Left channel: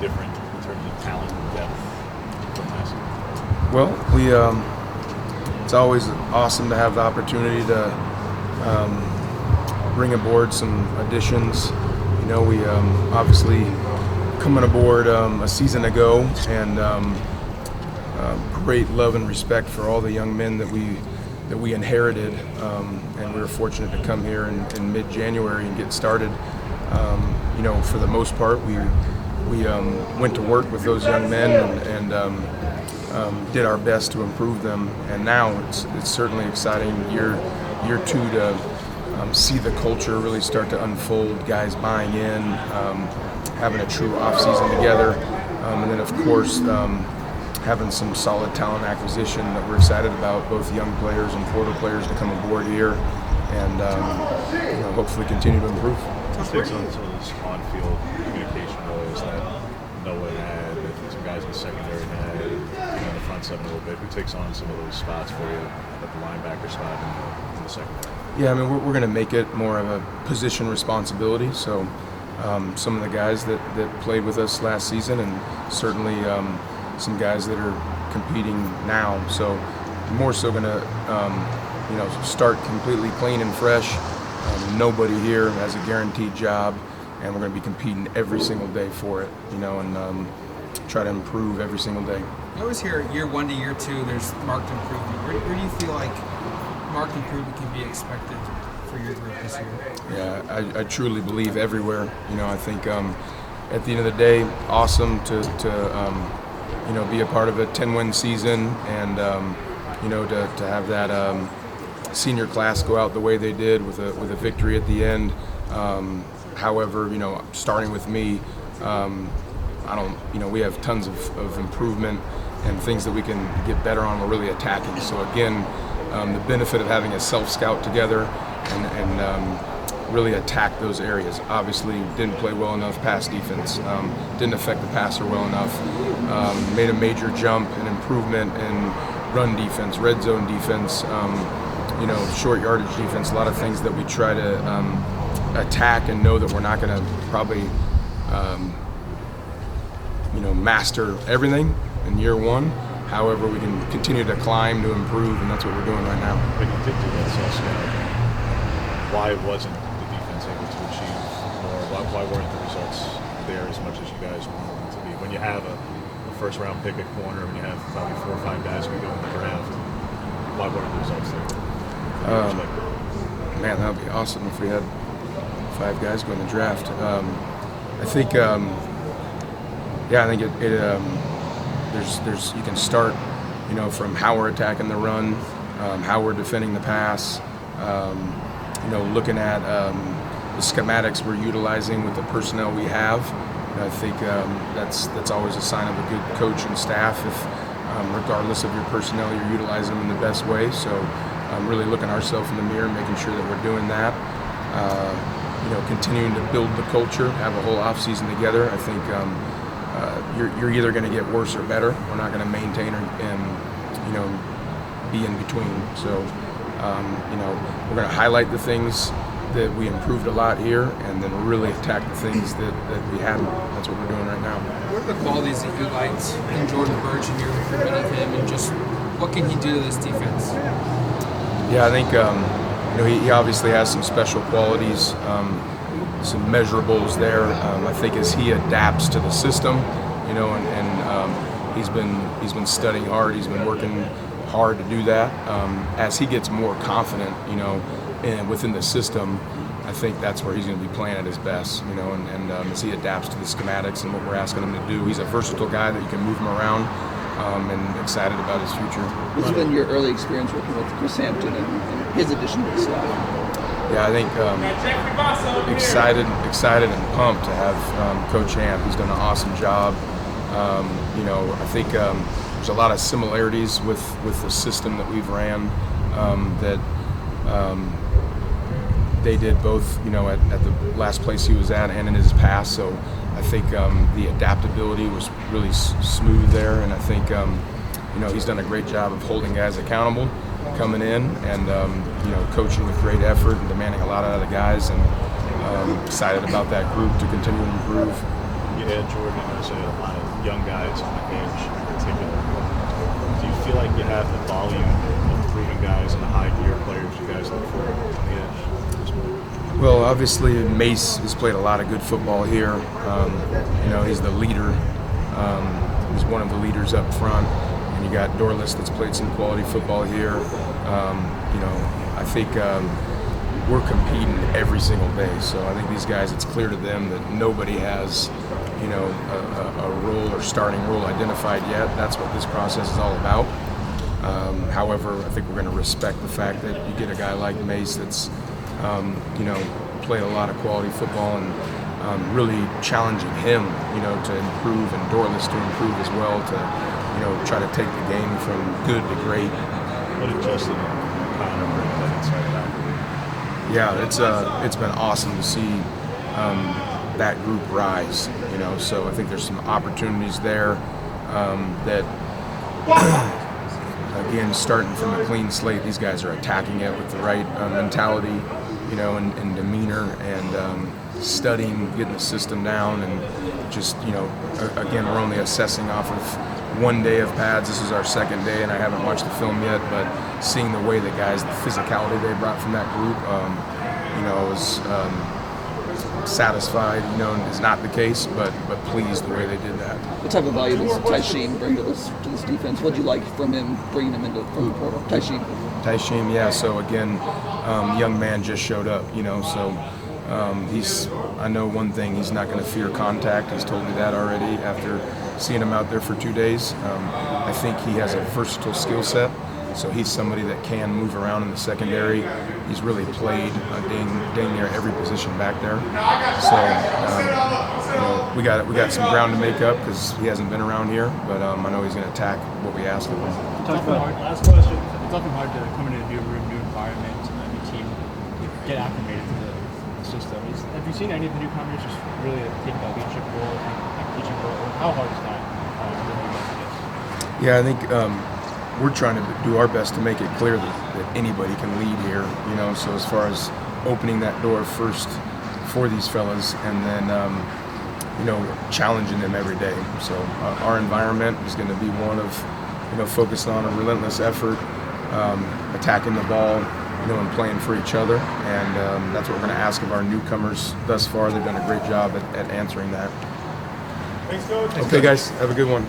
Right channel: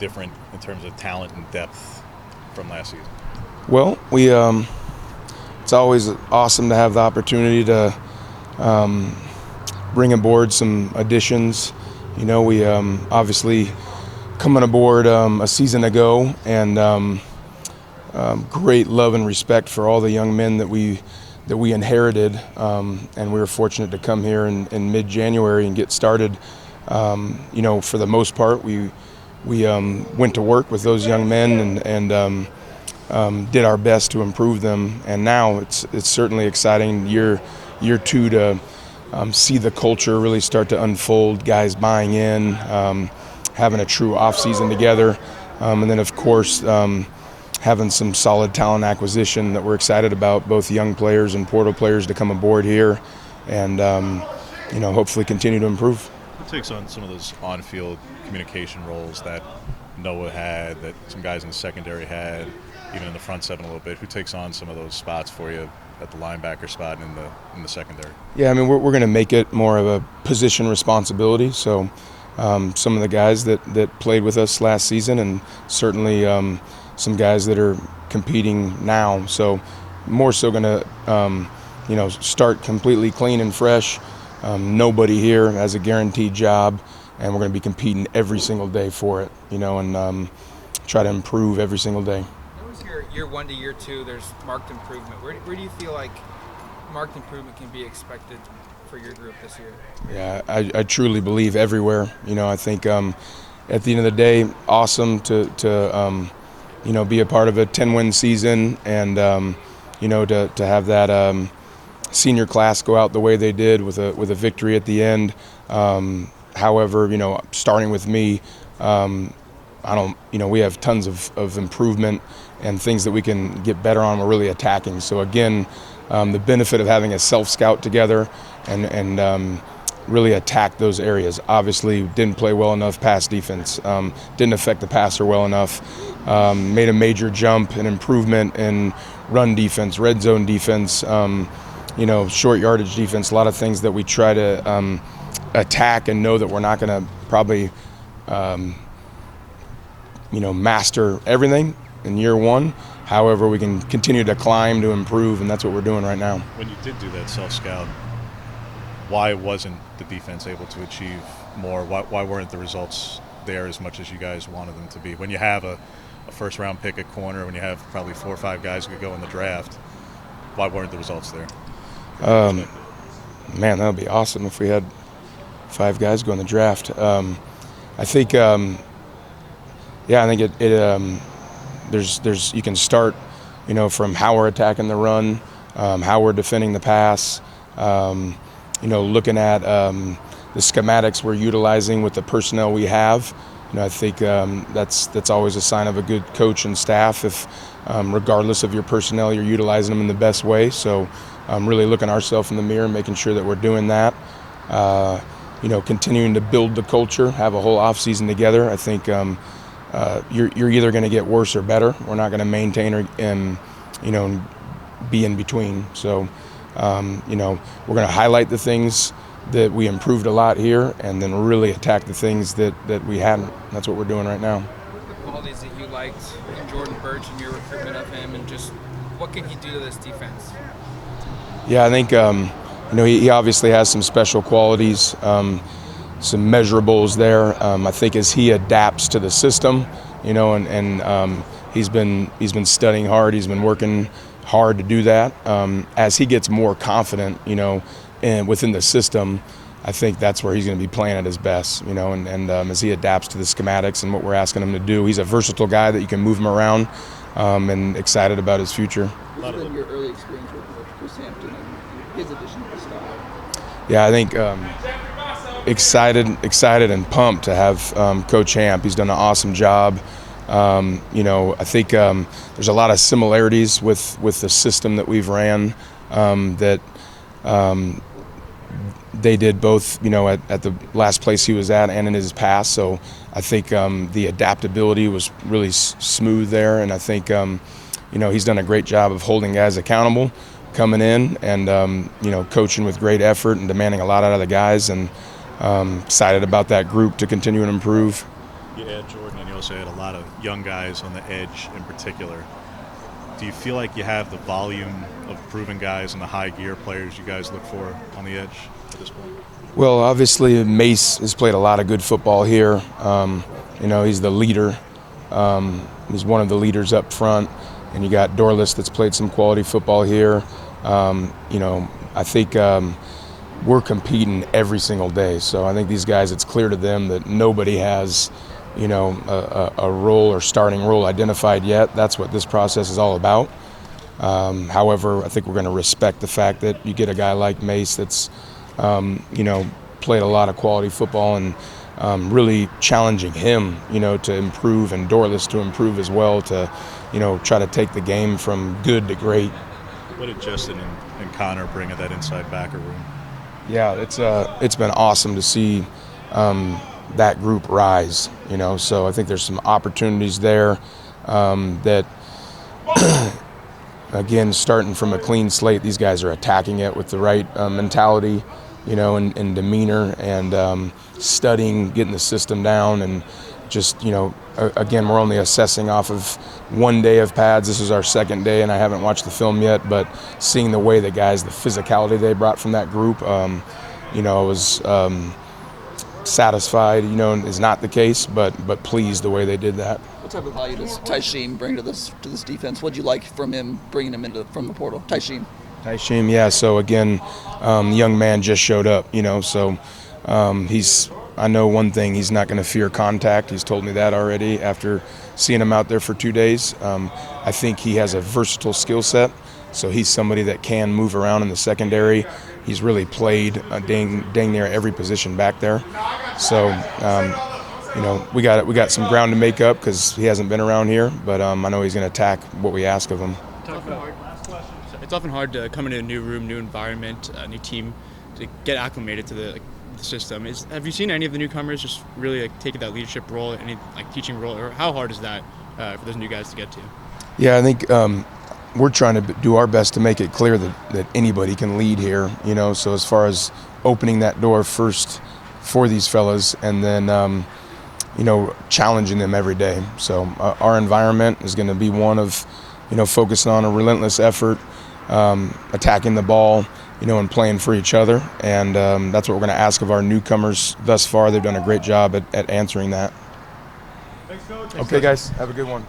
different in terms of talent and depth from last season? Well, it's always awesome to have the opportunity to bring aboard some additions. We obviously coming aboard a season ago, and great love and respect for all the young men that we inherited, and we were fortunate to come here in mid-January and get started. For the most part, we went to work with those young men and did our best to improve them. And now it's certainly exciting year two to see the culture really start to unfold, guys buying in, having a true off-season together, and then of course having some solid talent acquisition that we're excited about, both young players and portal players to come aboard here, and hopefully continue to improve. Who takes on some of those on-field communication roles that Noah had, that some guys in the secondary had, even in the front seven a little bit? Who takes on some of those spots for you at the linebacker spot in the secondary? Yeah, I mean, we're going to make it more of a position responsibility. So some of the guys that played with us last season, and certainly some guys that are competing now. So more so going to start completely clean and fresh. Nobody here has a guaranteed job, and we're going to be competing every single day for it, and try to improve every single day. I always hear year one to year two, there's marked improvement. Where do you feel like marked improvement can be expected for your group this year? Yeah, I truly believe everywhere. I think at the end of the day, awesome to be a part of a 10-win season, and to have that senior class go out the way they did with a victory at the end. However, starting with me, we have tons of improvement and things that we can get better on. We're really attacking. So again, the benefit of having a self-scout together and really attack those areas. Obviously, didn't play well enough pass defense, didn't affect the passer well enough, made a major jump and improvement in run defense, red zone defense, short yardage defense, a lot of things that we try to attack and know that we're not going to probably master everything in year one. However, we can continue to climb to improve, and that's what we're doing right now. When you did do that self-scout, why wasn't the defense able to achieve more? Why weren't the results there as much as you guys wanted them to be? When you have a first-round pick at corner, when you have probably 4 or 5 guys who go in the draft, why weren't the results there? Man, that would be awesome if we had 5 guys go in the draft. I think, there's you can start, from how we're attacking the run, how we're defending the pass, looking at the schematics we're utilizing with the personnel we have. I think that's always a sign of a good coach and staff if, regardless of your personnel, you're utilizing them in the best way. So really looking ourselves in the mirror, making sure that we're doing that. Continuing to build the culture, have a whole off-season together. I think you're either going to get worse or better. We're not going to maintain and be in between. So, we're going to highlight the things that we improved a lot here, and then really attack the things that we hadn't. That's what we're doing right now. What are the qualities that you liked in Jordan Burch and your recruitment of him, and just what can he do to this defense? Yeah, I think he obviously has some special qualities, some measurables there. I think as he adapts to the system, and he's been studying hard. He's been working hard to do that. As he gets more confident, and within the system, I think that's where he's going to be playing at his best. And as he adapts to the schematics and what we're asking him to do, he's a versatile guy that you can move him around. And excited about his future. What's been your early experience working with Chris Hampton and his addition to the staff? Yeah, I think excited and pumped to have Coach Hamp. He's done an awesome job. I think there's a lot of similarities with the system that we've ran that they did both, at the last place he was at and in his past. So I think the adaptability was really smooth there, and I think he's done a great job of holding guys accountable, coming in and coaching with great effort and demanding a lot out of the guys, and excited about that group to continue to improve. you add Jordan, you also add a lot of young guys on the edge in particular. Do you feel like you have the volume of proven guys and the high gear players you guys look for on the edge at this point? Well, obviously Mace has played a lot of good football here. He's the leader. He's one of the leaders up front. And you got Dorless that's played some quality football here. I think we're competing every single day. So I think these guys, it's clear to them that nobody has, a role or starting role identified yet. That's what this process is all about. However, I think we're going to respect the fact that you get a guy like Mace that's, played a lot of quality football and really challenging him, to improve, and Dorless to improve as well, to, try to take the game from good to great. What did Justin and Connor bring in that inside backer? Yeah, it's been awesome to see that group rise, so I think there's some opportunities there that, again, starting from a clean slate, these guys are attacking it with the right mentality, and demeanor, and studying, getting the system down, and just, again, we're only assessing off of one day of pads. This is our second day, and I haven't watched the film yet, but seeing the way the guys, the physicality they brought from that group, I was satisfied, is not the case, but pleased the way they did that. What type of value does Tysheen bring to this defense? What'd you like from him, bringing him from the portal? Tysheen, yeah. So again, young man just showed up, so I know one thing, he's not going to fear contact. He's told me that already after seeing him out there for 2 days. I think he has a versatile skill set, so he's somebody that can move around in the secondary. He's really played dang near every position back there. So, we got some ground to make up because he hasn't been around here, but I know he's going to attack what we ask of him. It's often hard to come into a new room, new environment, a new team, to get acclimated to the system. Have you seen any of the newcomers just really taking that leadership role, any teaching role, or how hard is that for those new guys to get to? Yeah, I think we're trying to do our best to make it clear that anybody can lead here, so as far as opening that door first for these fellas, and then challenging them every day. So our environment is going to be one of focusing on a relentless effort, attacking the ball, and playing for each other, and that's what we're going to ask of our newcomers thus far. They've done a great job at answering that. Thanks, Coach. Okay, guys, have a good one.